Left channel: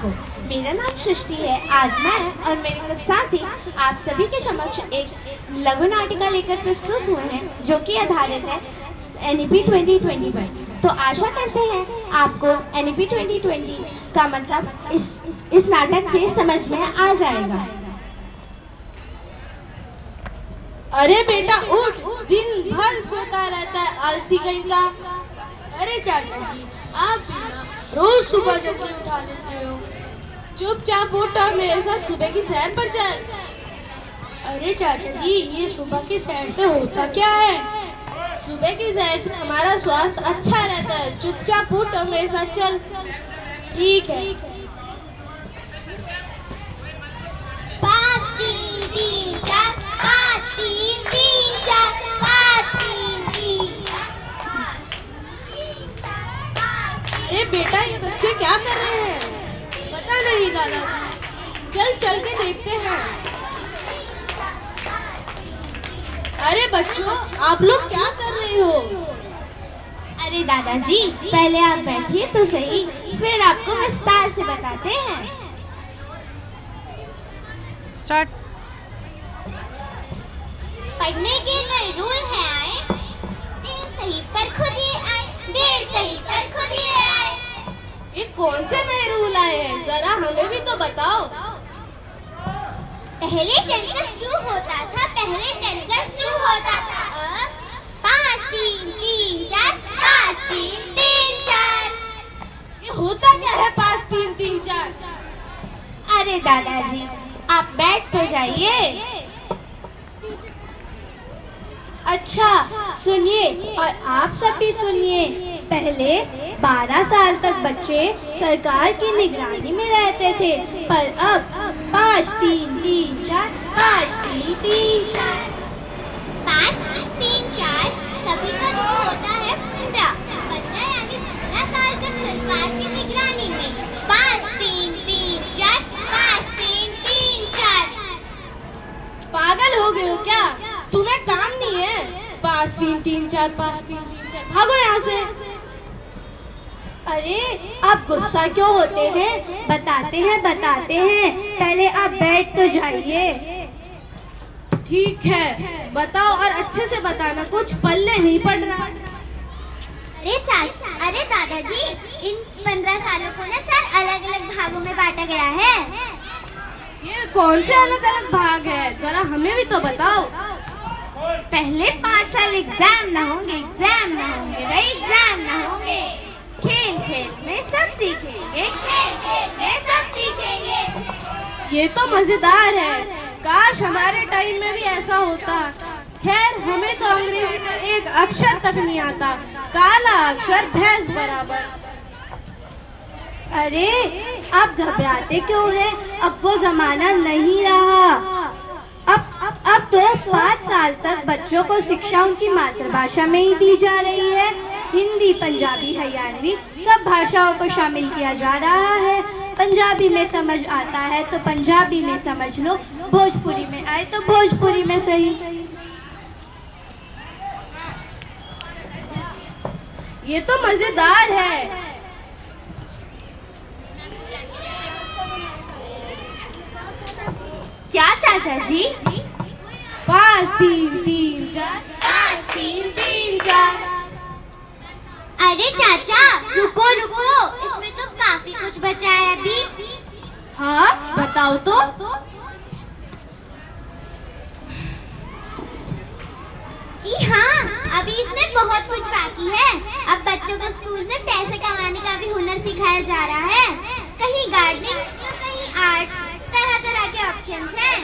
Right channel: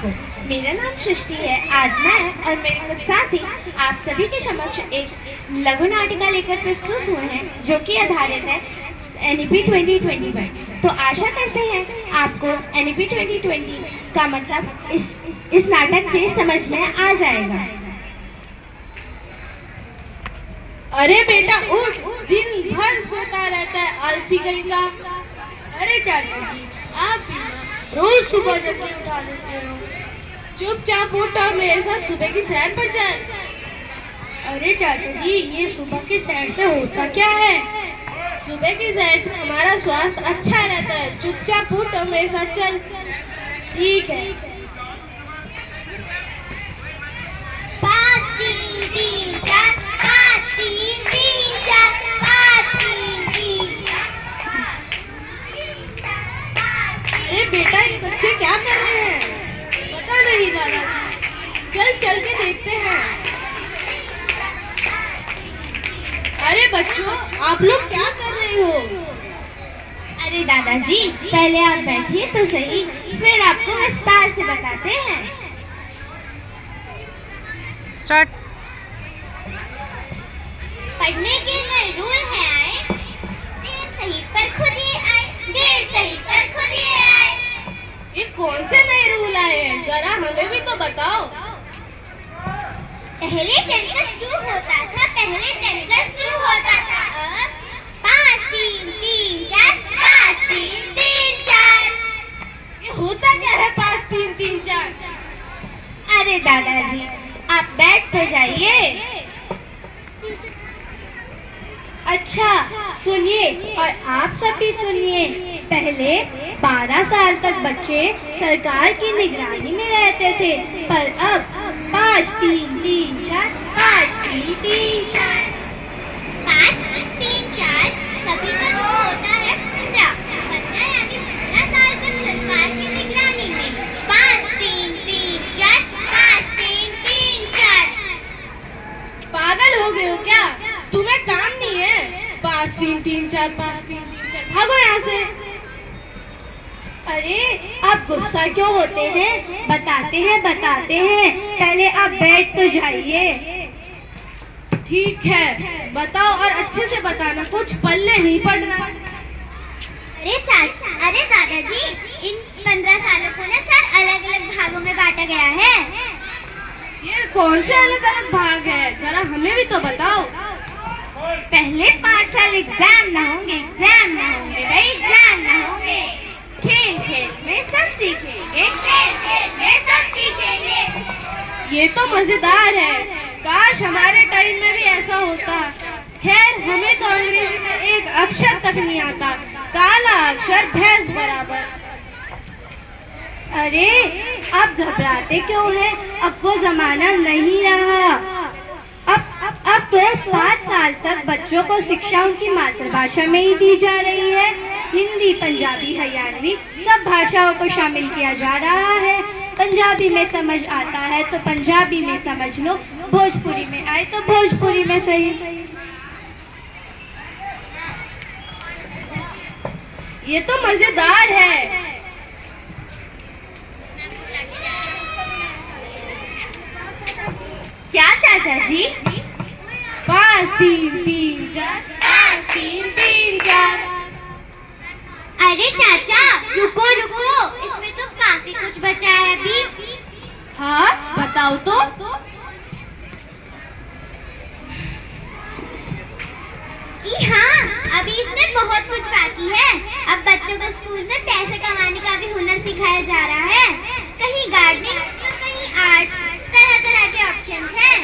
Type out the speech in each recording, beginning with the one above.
को। मेरा नाम सृष्टि है। आज मैं और मेरे कुछ साथी आप सभी के समक्ष एक लघु नाटिका लेकर प्रस्तुत हुए हैं जो कि आधारित है NEP 2020 पर। तो आशा करते हैं आपको NEP 2020 का मतलब इस नाटक से समझ में आ जाएगा। अरे बेटा उठ, दिन भर सोता रहता है आलसी कहीं का। अरे चाचा जी आप भी ना रोज सुबह जल्दी उठा देते हो। चुपचाप उठ और मेरे साथ सुबह की सैर पर जाए। अरे चाचा जी ये सुबह की सैर से होता क्या है? सुबह की सैर से हमारा स्वास्थ्य अच्छा रहता है। चुपचाप उठ और मेरे साथ चल। ठीक है। 5 3 3 4 5 3 3 4 5 3 3 अरे बेटा ये बच्चे क्या कर रहे हैं? पता नहीं दादाजी, चल चल के देखते हैं। अरे बच्चों आप लोग क्या कर रहे हो? अरे दादाजी पहले आप बैठिए तो सही, फिर आपको विस्तार से बताते हैं। स्टार्ट। पढ़ने के नए रूल है आए, देर सही पर खुद ही आए, देर सही पर खुद ही आए। ये कौन से नए रूल आए हैं? जरा हमें भी तो बताओ। पहले 10+2 होता था, पहले 10+2 होता था। अब 5 3 3 4 5 3 3 4। ये होता क्या है 5 3 3 4? अरे दादाजी आप बैठ तो जाइए। अच्छा सुनिए और आप सब भी सुनिए। पहले 12 साल तक बच्चे सरकार की निगरानी में रहते थे, पर अब 5 3 3 4 5 3 3 4 5 3 4 सभी का जो होता है 15 15 यानी 15 साल तक सरकार की निगरानी में। 5 3 3 4 5 3 3 4। पागल हो गए हो क्या? तुम्हें काम नहीं है? 5 3 3 4 5 3 3 4 भागो यहाँ से। अरे आप गुस्सा क्यों होते हैं? बताते हैं। पहले आप बैठ तो जाइए। ठीक है बताओ और अच्छे से बताना, कुछ पल्ले नहीं पड़ रहा। अरे दादाजी इन 15 सालों को ना 4 अलग-अलग भागों में बांटा गया है। ये कौन से अलग अलग भाग है? जरा हमें भी तो बताओ। पहले 5 साल एग्जाम ना होंगे भाई, एग्जाम ना होंगे। खेल में सब सीखेंगे, ये तो मजेदार है। काश हमारे टाइम में भी ऐसा होता। खैर हमें तो अंग्रेजी में एक अक्षर तक नहीं आता, काला अक्षर भैंस बराबर। अरे आप घबराते क्यों हैं? अब वो जमाना नहीं रहा। अब तो 5 साल तक बच्चों को शिक्षा उनकी मातृभाषा में ही दी जा रही है। हिंदी, पंजाबी, हरियाणवी सब भाषाओं को शामिल किया जा रहा है। पंजाबी में समझ आता है तो पंजाबी में समझ लो, भोजपुरी में आए तो भोजपुरी में सही। ये तो मजेदार है। क्या चाचा जी? 5 3 3 4 5 3 3 4। अरे चाचा रुको इसमें तो काफी कुछ बचा है अभी। हाँ बताओ तो। जी हाँ अभी इसमें बहुत कुछ बाकी है। अब बच्चों को स्कूल में पैसे कमाने का भी हुनर सिखाया जा रहा है। कहीं गार्डनिंग तो कहीं आर्ट, तरह तरह के ऑप्शन हैं।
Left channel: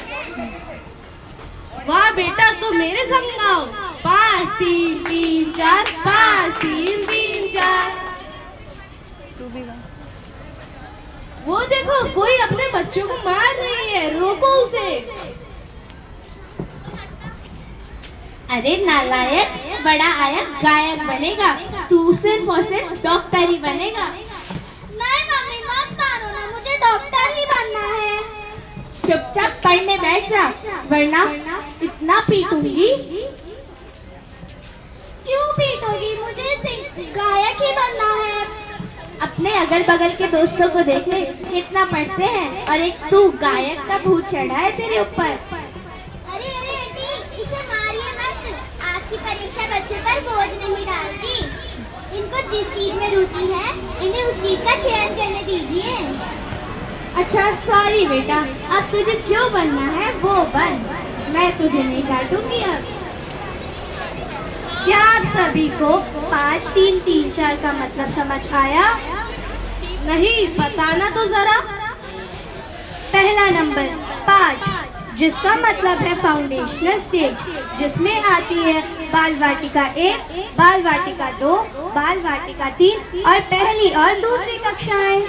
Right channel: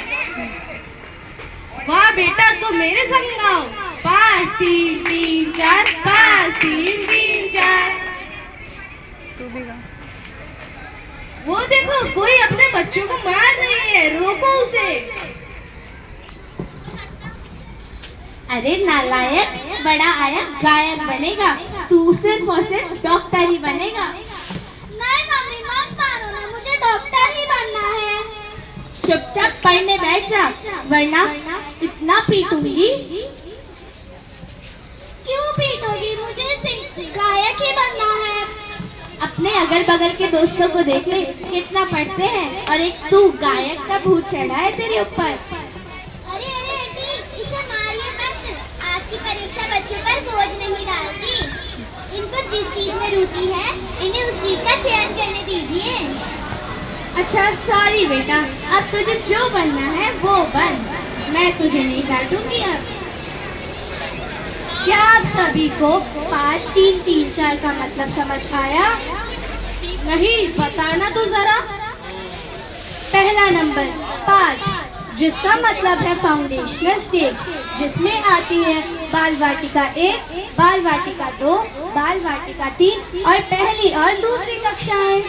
वाह बेटा तो मेरे संग गाओ। 5 3 3 4 5 3 3 4। तू भी गा। वो देखो कोई अपने बच्चों को मार रही है, रोको उसे। अरे नालायक, बड़ा आया गायक बनेगा, तू सिर्फ और सिर्फ डॉक्टर ही बनेगा। नहीं मम्मी मत मारो ना, मुझे डॉक्टर ही बनना है। चुपचाप पढ़ने बैठ जा, वरना इतना पीटूंगी। क्यों पीटोगी? मुझे गायक ही बनना है। अपने अगल बगल के दोस्तों को देख ले, कितना पढ़ते हैं, और एक तू गायक का भूत चढ़ा है तेरे ऊपर। अरे अरे आंटी, इसे मारिए मत। आपकी परीक्षा बच्चों पर बोझ नहीं डालती। इनको जिस चीज में रुचि है, इन्हें उस चीज का चयन करने दीजिए। अच्छा सॉरी बेटा, अब तुझे जो बनना है वो बन, मैं तुझे नहीं डांटूंगी अब। क्या आप सभी को 5 3 3 4 का मतलब समझ आया? नहीं, बताना तो जरा। पहला नंबर 5, जिसका मतलब है फाउंडेशनल स्टेज, जिसमें आती है बाल वाटिका 1, बाल वाटिका 2, बाल वाटिका 3 और पहली और दूसरी कक्षाएं।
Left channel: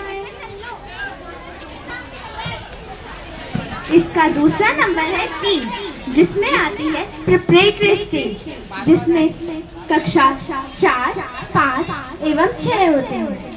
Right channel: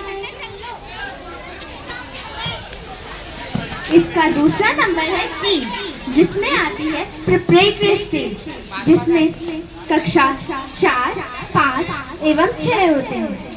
इसका दूसरा नंबर है 3, जिसमें आती है प्रिपरेटरी स्टेज, जिसमें कक्षा 4, 5 एवं 6 होते हैं।